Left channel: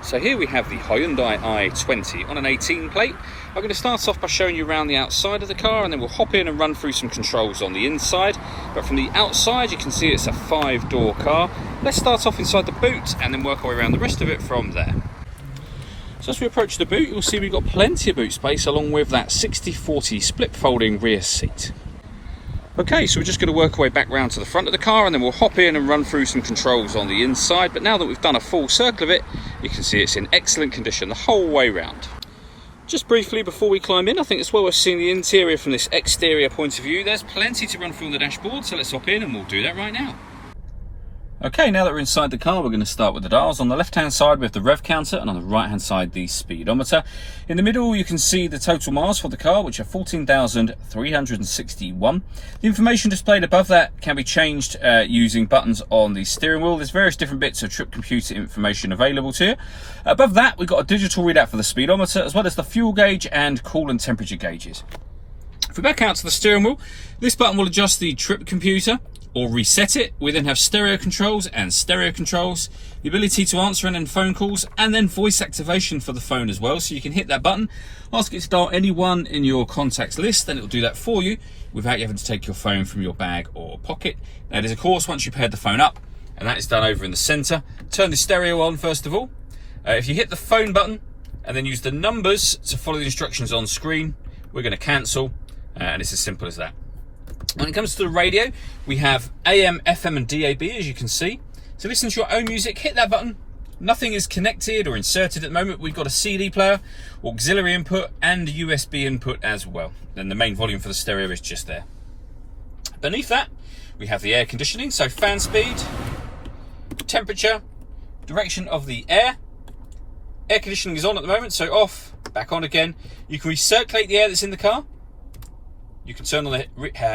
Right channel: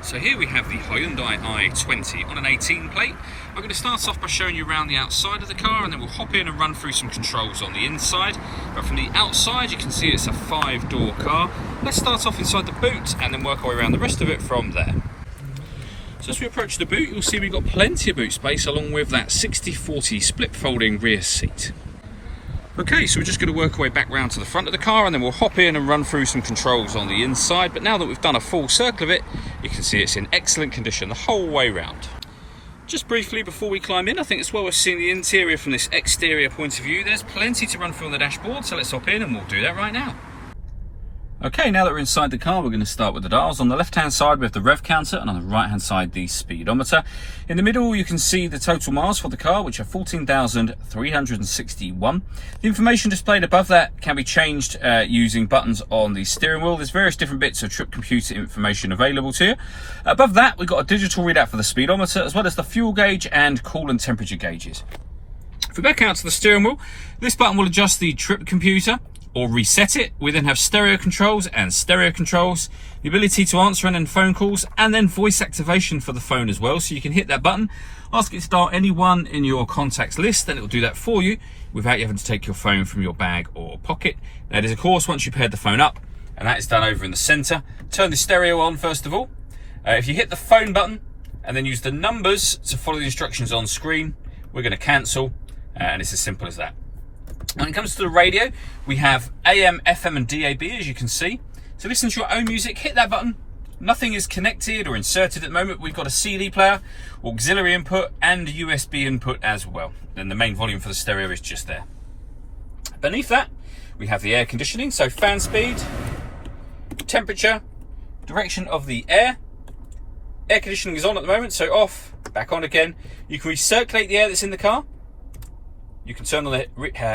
So here we have the Hyundai i20 on an 18 plate. I'm going to start off by showing you around the outside of the car, and then we'll hop in and run through some controls on the inside. But from the outside you can see it's a 5-door car. Let's start off inside the boot and then work our way around the rest of it from there. So as we approach the boot, you'll see we've got plenty of boot space along with that 60/40 split folding rear seat. Okay, so we're just going to work our way back round to the front of the car and then we'll hop in and run through some controls on the inside. But now that we've done a full circle of it, you can see it's in excellent condition the whole way round. Just briefly before we climb in, I think it's well worth seeing the interior from this exterior point of view. There's plenty to run through on the dashboard, so let's hop in and we'll do that right now. Okay, now that we're inside the car, we're going to start with the dials. On the left-hand side, we have the rev counter, and on the right-hand side, the speedometer. In the middle, you can see the total miles for the car, which are 14,361. The information displayed above that can be changed using buttons on the steering wheel. There's various different bits of trip computer information available to you. Above that, we've got a digital readout for the speedometer, as well as the fuel gauge and coolant temperature gauges. If we back out to the steering wheel, this button will adjust the trip computer or reset it. We then have stereo controls, the ability to answer and end phone calls, and then voice activation for the phone as well. So you can hit that button, ask it to dial anyone in your contacts list, then it will do that for you without you having to take your phone from your bag or pocket. That is, of course, once you've paired the phone up, and that is done over in the center. Turn the stereo on first of all. If you hit the phone button and then use the numbers to follow the instructions on screen, we're going to cancel, and it's as simple as that. When it comes to the radio, we have AM, FM and DAB, as you can see. To listen to your own music, hit that button. Nothing is connected or inserted at the moment. We've got a CD player, auxiliary input and USB input as well. Then the main volume for the stereo is just there. Beneath that, we have the air conditioning, so fan speed, temperature, direction of the air. Air conditioning is on at the moment, so off, back on again. You can recirculate the air that's in the car. You can turn on the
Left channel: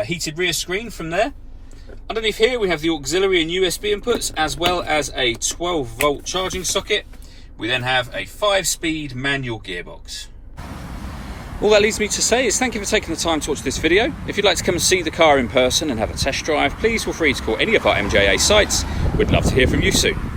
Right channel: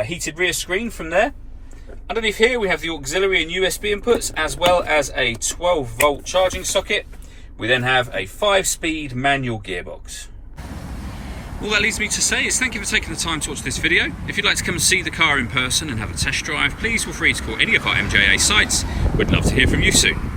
heated rear screen from there. Underneath here we have the auxiliary and USB inputs, as well as a 12-volt charging socket. We then have a 5-speed manual gearbox. All that leaves me to say is thank you for taking the time to watch this video. If you'd like to come and see the car in person and have a test drive, please feel free to call any of our MJA sites. We'd love to hear from you soon.